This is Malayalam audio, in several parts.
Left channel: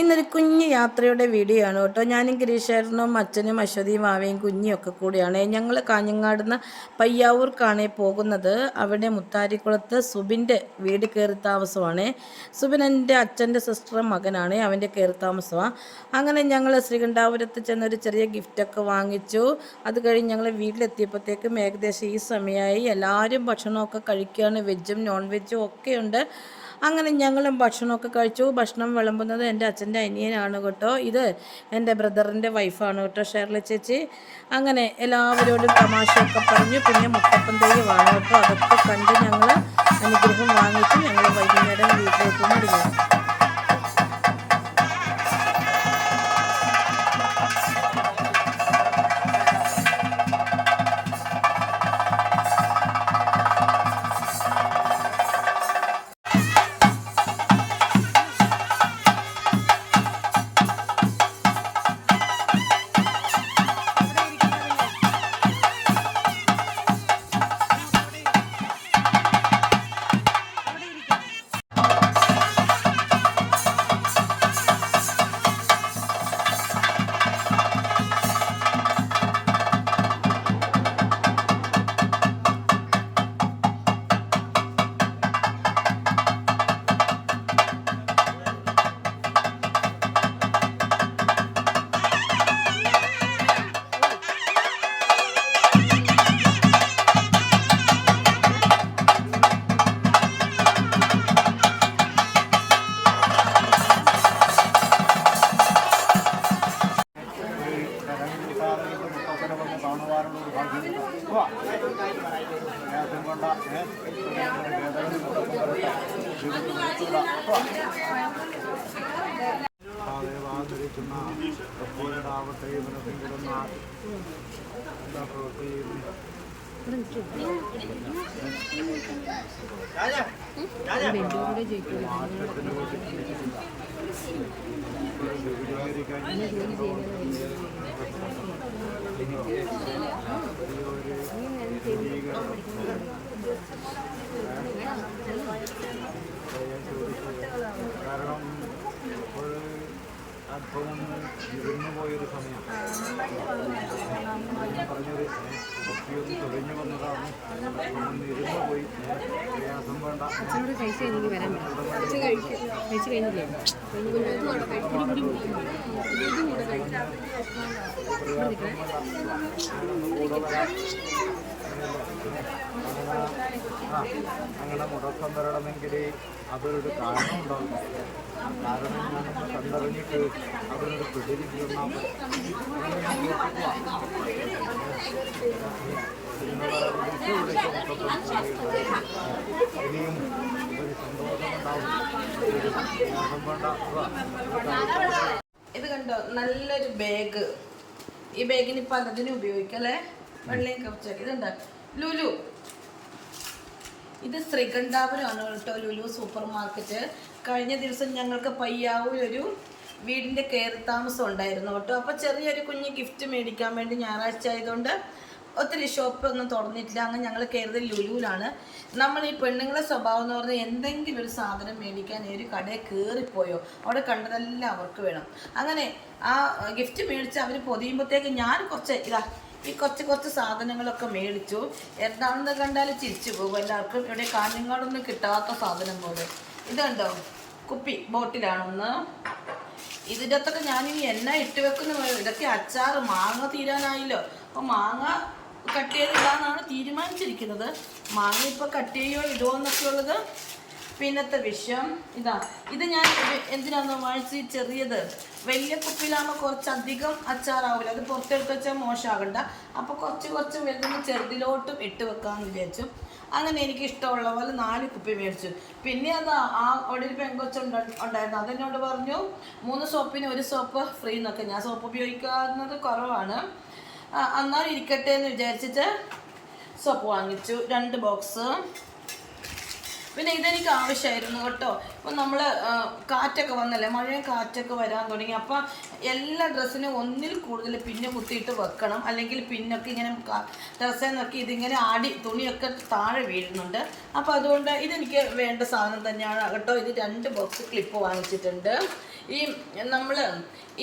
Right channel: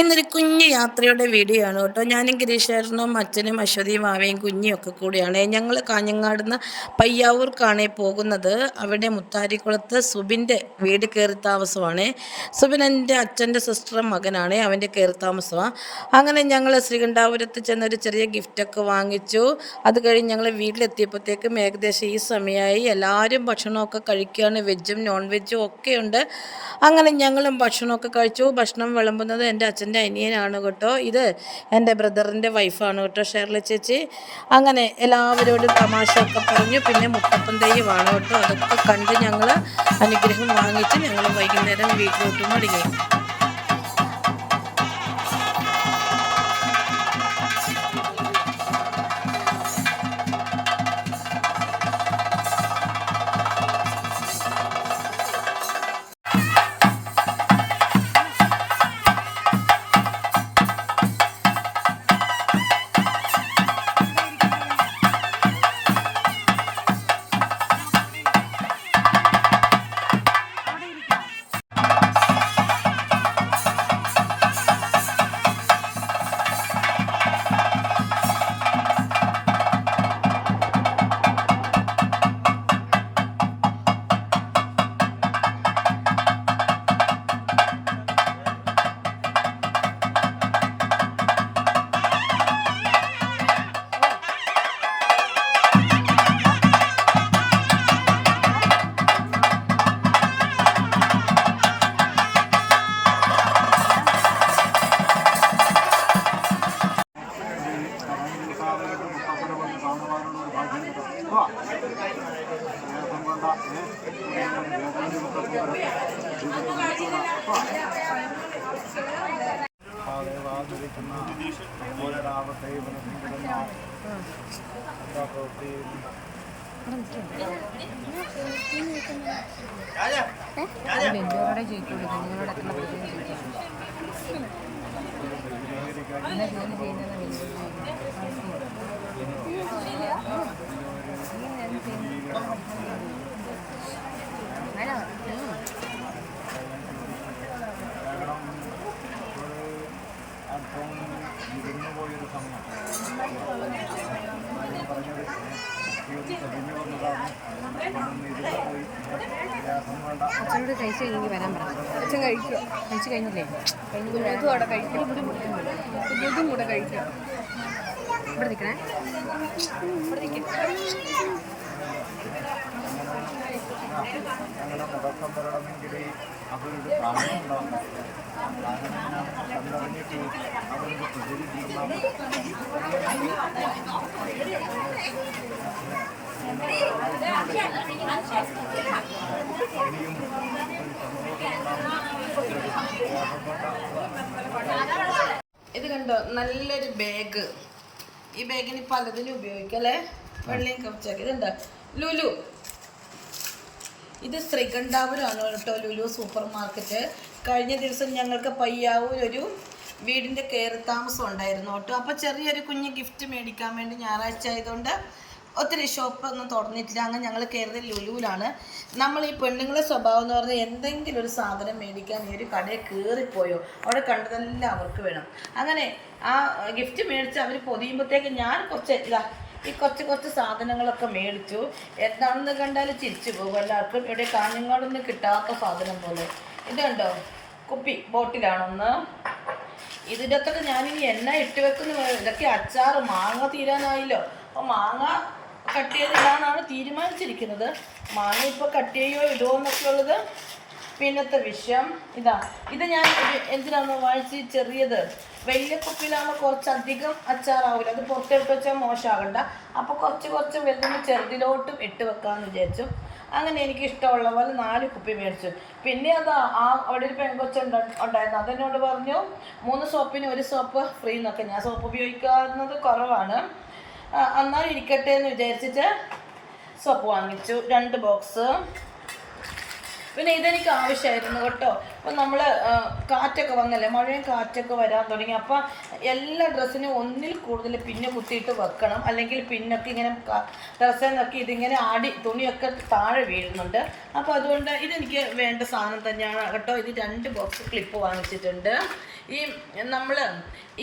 ഇന്നൊരു കുഞ്ഞു യാത്രയുടെ വീഡിയോ ആണ് കേട്ടോ. ഞാനും ഗിരീഷേട്ടനും അച്ഛനും അശ്വതിയും മാവയും കുഞ്ഞിയും ഒക്കെ കൂടിയാണ്. ഞങ്ങൾ കാഞ്ഞങ്ങാട് നിന്ന് പയ്യാവൂർക്കാണ് പോകുന്നത്. അവിടെ മുത്താരിക്കുളത്ത് സുബിന്റെ വീട് കയറി താമസമാണ്. സുബിൻ എന്റെ അച്ഛന്റെ സിസ്റ്ററും മകനാണ്. അവന്റെ കയറി താമസമാണ് അങ്ങനെ ഞങ്ങൾ ശ്രീകണ്ഠാപുരത്ത് ചെന്നൊരു ചെറിയ ഗിഫ്റ്റൊക്കെ വാങ്ങിച്ചു. അത് കഴിഞ്ഞ് ഞങ്ങൾ വീട്ടിലെത്തിയപ്പോഴത്തേക്കും ഏകദേശം ഈ സമയമായി എല്ലാവരും ഭക്ഷണമൊക്കെ കഴിക്കുകയാണ് വെജും നോൺ വെജും ഒക്കെയുണ്ട്. അങ്ങനെ ഞങ്ങളും ഭക്ഷണമൊക്കെ കഴിച്ചു. ഭക്ഷണം വിളമ്പുന്നത് എന്റെ അച്ഛന്റെ അനിയനാണ് കേട്ടോ. ഇത് എന്റെ ബ്രദറിന്റെ വൈഫാണ് കേട്ടോ ഷേർലി ചേച്ചി. അങ്ങനെ എല്ലാവരോടും തമാശയൊക്കെ പറഞ്ഞു. പിന്നെ മുട്ടപ്പൻ തെയ്യമാണ് കേട്ടോ. അതൊക്കെ കണ്ട് ഞങ്ങൾ അനുഗ്രഹം വാങ്ങിച്ച് ഞങ്ങൾ വൈകുന്നേരം വീട്ടിലോട്ട് മടങ്ങി. ബെഞ്ചോടെ ജയിക്കൂടി നിങ്ങളോട് എത്ര ജോലി ചെയ്യുന്നതെന്ന് ബെഞ്ചോട് കാരണം അച്ഛനോട് കഴിച്ചു കഴിഞ്ഞെങ്കിൽ വരാൻ പറയാം അച്ഛൻ കഴിക്കും. കഴിച്ചു കഴിഞ്ഞില്ലേ? കൂടെ കഴിക്കാം. ഇവിടെ നിൽക്കണേ. ഇവിടെ ഞങ്ങളുടെ മുടക്കം വരണമെങ്കിൽ അതൊരു കാരണം ഉണ്ടാവും ആ കാരണം ഞാനൊന്ന് അവരോട് ഒരു ഇത് കണ്ടോ? നല്ലൊരു ബാഗ് ഈ ബാഗിന് പലതിനും ഉപയോഗിക്കാം അല്ലേ? വെള്ളയും കപ്പിച്ചാക്കി ഇതുണ്ട് ലുലു. ഇത് ശ്രീകണ്ഠാപുരമാണ് കേട്ടോ ലുലു സൂപ്പർ മാർക്കറ്റ് കഴിഞ്ഞ ദിവസം ഞങ്ങൾക്ക് പയ്യാവൂർ ഒരു വീടിന്റെ കയറി താമസം ഉണ്ടായിരുന്നു കേട്ടോ. അപ്പോൾ ചെറിയൊരു കുഞ്ഞ് ഗിഫ്റ്റ് മേടിക്കാൻ വേണ്ടി ഞായറാഴ്ച ആയതുകൊണ്ട് ഒത്തിരി ഷോപ്പൊന്നും തുറന്നിട്ടില്ല. അങ്ങനെ ഞങ്ങൾ കയറുന്നത് ലുലുവിലാണ്. നമ്മൾ ഈ പെണ്ണുങ്ങളെ സ്വഭാവം എന്ന് പറഞ്ഞാൽ എന്തെങ്കിലും ഒരു സാധനം മേടിക്കാൻ ഈ ഒരു കടയിൽ കയറിപ്പോയോ? അവിടെ കണ്ടതെല്ലാം അവർക്ക് വേണം. അങ്ങനെ ആ ഗിഫ്റ്റ് മേടിച്ച് അവർ പൊതിയുമ്പോഴത്തേക്ക് ഞാൻ കുറച്ച് ഇതാ ഈ കുറച്ച് കുറച്ച് സാധനങ്ങളൊക്കെ മേടിച്ചു. എന്താണെന്ന് കണ്ടാൽ ചിരിച്ചു പോകും എല്ലാവർക്കും. ഇവിടെ കാഞ്ഞങ്ങാടൊന്നും കിട്ടാത്ത സാധനം പോലെ. ഇത് കണ്ടോ? കുപ്പി ബോട്ടിലാണൊന്ന്. ഇതിന്റെ ഞാൻ ഞാനിനി എണ്ണ ഇട്ട് വെക്കുന്ന. ഇതൊക്കെ അച്ചാർ മാങ്ങ തീരാനായില്ലോ. അപ്പോൾ മാങ്ങ കട്ട് ചെയ്തിടാന്നാണ് തീരുമാനിച്ചിരിക്കുന്നത്. മാങ്ങ ഇപ്പോൾ കട്ട് ചെയ്യോ ഇടുമോ എന്നൊക്കെ ഉള്ളത് പിന്നത്തെ വിഷം ഇതാ. ഇത് ഞാൻ എന്തിനാന്ന് വാങ്ങിച്ച് ചെറിയത്. വലിയ കുപ്പിയിലാകുമ്പോൾ കുറച്ചധികം അച്ചാറാവില്ല അത് പുറത്തെടുത്ത് വെച്ചാൽ മോശമാകണ്ട അപ്പോൾ കുറച്ച് കുറച്ച് വലുതുമ്പോൾ ചെറുതിലോട്ടും ഇട്ട് വെക്കാമെന്ന് വിചാരിച്ചു. അങ്ങനെ എനിക്ക് ഇഷ്ടമുള്ള പോലെ നാല് കുപ്പി മേടിച്ചു. പിന്നെ അത് ആ അവിടെ ഒരു പെങ്കൊച്ച ഉണ്ടായിരുന്നു. അതെന്നോട് പറഞ്ഞു മൂന്ന് സോപ്പിന് ഒരു സോപ്പ് ഫ്രീ എന്നൊക്കെ. ഞാൻ സോപ്പ് ഉപയോഗിക്കാവുന്നത് കുറവാണ്. എന്നാൽ ഇരിക്കട്ടെ എന്ന് വിചാരിച്ചിട്ട് സോപ്പ് വാങ്ങിച്ചു. രണ്ട് ബോക്സ്. പിന്നെ ഇതെനിക്ക് ആവശ്യമായിരുന്നു കേട്ടോ. അപ്പം നമ്മൾ കാറ്റൊക്കെ വന്നല്ലേ? മഴയും കാറ്റൊക്കെ വരാൻ തുടങ്ങി. അപ്പം എല്ലാ ഡ്രസ്സിനും ഒന്നിൽ കൂടുതൽ പിന്നെ കുത്തിയിട്ട് വെക്കണം. അല്ലെങ്കിൽ പിന്നൊക്കെ ഇങ്ങനെ ഡ്രസ്സിൽ നിന്നൊക്കെ ഇതിങ്ങനെ ആടി തുണിയൊക്കെ താഴെ വീഴുന്നുണ്ട്. അപ്പോൾ അതുകൊണ്ട് ഇതെനിക്ക് വേണ്ട സാധനം തന്നെയാണ്. കേട്ടോ ഇത് രണ്ട് ബോക്സ് ക്ലിപ്പ് വാങ്ങിച്ചിട്ടുണ്ട്. ഈ നമ്മൾ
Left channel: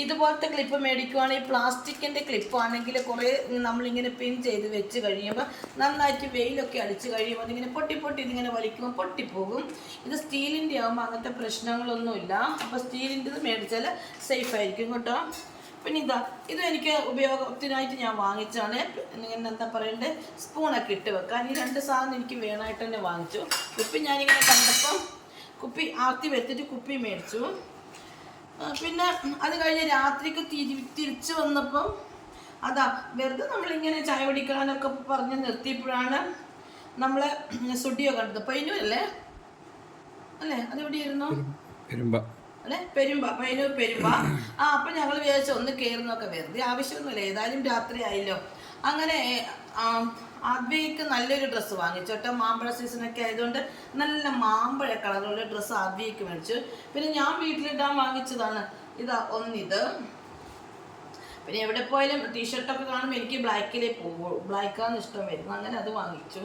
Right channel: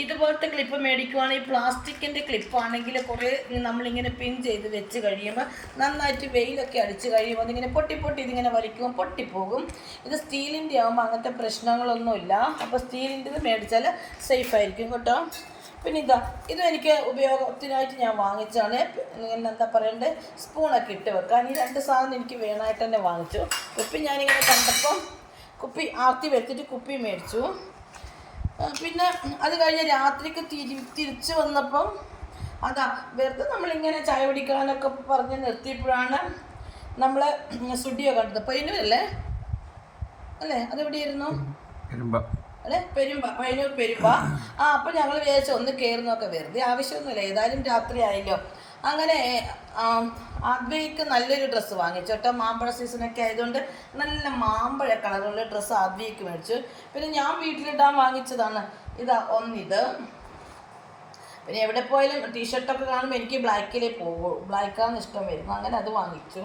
ഇതുപോലത്തെ ക്ലിപ്പ് മേടിക്കുവാണെങ്കിൽ പ്ലാസ്റ്റിക്കിന്റെ ക്ലിപ്പ് ആണെങ്കിൽ കുറേ നമ്മളിങ്ങനെ പിൻ ചെയ്ത് വെച്ച് കഴിയുമ്പോൾ നന്നായിട്ട് വെയിലൊക്കെ അടിച്ച് കഴിയുമ്പോൾ അതിങ്ങനെ പൊട്ടി പൊട്ടി ഇതിങ്ങനെ വലിക്കുമ്പോൾ പൊട്ടിപ്പോകും. ഇത് സ്റ്റീലിന്റെ ആകുമ്പോൾ അങ്ങനത്തെ പ്രശ്നങ്ങളൊന്നുമില്ല. അപ്പോൾ സ്റ്റീലിന്റെത് മേടിച്ചാൽ സേഫ് ആയിരിക്കും കേട്ടോ. പിന്നെ ഇതാ ഇത് എനിക്ക് ഉപയോഗത്തിനായിട്ട് ഞാൻ വാങ്ങിച്ചാണ് ഇങ്ങനെ എന്താ പറയണ്ടേ? സ്പൂണൊക്കെ ഇട്ട് വെക്കാൻ ഈ രണ്ട് സാധനം എനിക്ക് വേണമായിട്ട് തന്നെ വാങ്ങിച്ചു. കുപ്പി ഞാനിങ്ങനെ കണ്ടപ്പം കുപ്പി ആർത്തി വരുത്തിട്ട് കുപ്പി മേടിച്ചു. പിന്നെ അത് കഴിഞ്ഞ് രാത്രിക്ക് തിരി തിരിച്ചു വന്നപ്പം അതാ വെറുതെ നമ്മളിങ്ങനെ ചായ കുടിക്കാനൊക്കെ പറഞ്ഞ് നിർത്തിയപ്പോഴാണ് നമ്മളെ സുഡിയോ കണ്ടത്. പൈനൂർ അല്ലേ അല്ലേ? അതെവിടെയായിരുന്നു? പെരുമ്പ. അല്ലെ? പെരുമ്പ. പൈനൂർ പെരുമ്പ. ആ അപ്പം ഞങ്ങൾ വിചാരിച്ചു ഒന്ന് കയറുന്നൊക്കെ വെറുതെ. ആവശ്യമൊന്നുമില്ല. ഏതായാലും രാത്രി ആയല്ലോ. അങ്ങനെ ആദ്വയ്ക്ക് നല്ലൊരു ഡ്രസ്സ് വാങ്ങിച്ചു. കേട്ടോ മാമ്പഴ സീസണൊക്കെ ആയതുകൊണ്ട് നല്ല മാമ്പഴ കളറുള്ള ഡ്രസ്സ് ആദ്വയ്ക്ക് മേടിച്ചു. പിന്നെ ഞാൻ വീട്ടിലിടാൻ വാങ്ങിച്ചതാണ്. ഇതാ ഒന്നിത്. പിന്നെ എവിടെ പോയാലും ടീഷർട്ടൊക്കെ കാണുമ്പോൾ എനിക്ക് ബ്ലാക്കിലേ പോകുള്ളൂ ബ്ലാക്കാണ് ഇഷ്ടം വരുന്നു അങ്ങനെ അത് വാങ്ങിച്ചു.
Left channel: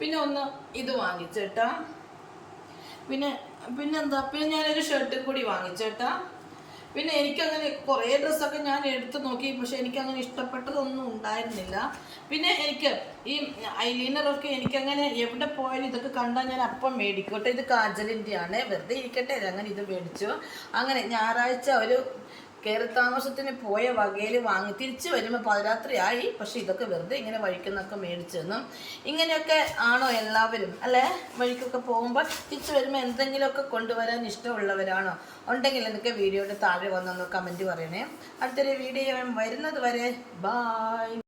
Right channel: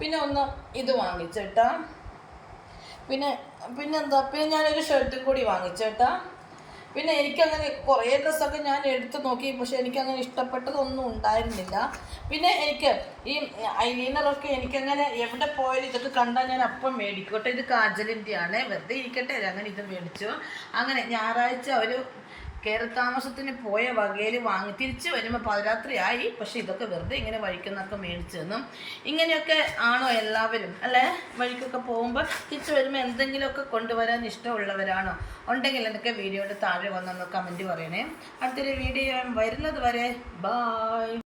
പിന്നെ ഒന്ന് ഇത് വാങ്ങിച്ചു കേട്ടോ. പിന്നെ പിന്നെന്താ പിന്നെ ഞാനൊരു ഷർട്ടും കൂടി വാങ്ങിച്ചു കേട്ടാ പിന്നെ എനിക്കങ്ങനെ കുറേ ഡ്രസ്സൊക്കെ ഞാൻ എടുത്ത് നോക്കി പക്ഷെ എനിക്കങ്ങനെ ഇഷ്ടപ്പെട്ടതൊന്നും ഉണ്ടായിരുന്നില്ല. പിന്നെ എനിക്ക് ഈ ഐലീനറൊക്കെ എനിക്കങ്ങനെ എവിടെ പോയാലും ഇതൊക്കെ കണ്ടാൽ ഞാൻ അപ്പം മേടിക്കും കേട്ടോ. ഇത് കാജലിന്റെ ആണ് വെറുതെ ഇരിക്കട്ടെ അങ്ങനെ ഇത് മേടിച്ചു. അങ്ങനെ ഞായറാഴ്ച ഒരു കയറി താമസത്തിന് പോയ വകയിൽ വാങ്ങി തിരിച്ചു വരുമ്പോൾ പാതിരാത്രിയായി. പക്ഷെ ഇതൊക്കെ വെറുതെ ഇങ്ങനെ വഴിക്കുന്നൊക്കെ മേടിച്ചു തന്നും. ഇങ്ങനെയൊക്കെ ആണോ എല്ലാവരും? അല്ലേ? വഴിക്കൊക്കെ പോകുമ്പോൾ തിരിച്ചു വരുമ്പോൾ എന്തെങ്കിലുമൊക്കെ കൊണ്ടുവരാൻ ഇഷ്ടമുള്ളവരാണോ? ഉണ്ടെങ്കിൽ എനിക്ക് വീഡിയോയുടെ താഴെ വന്നൊന്ന് കമന്റ് പറയണേ. അടുത്തൊരു വീഡിയോ വരുന്നത് വരെ. ബായ്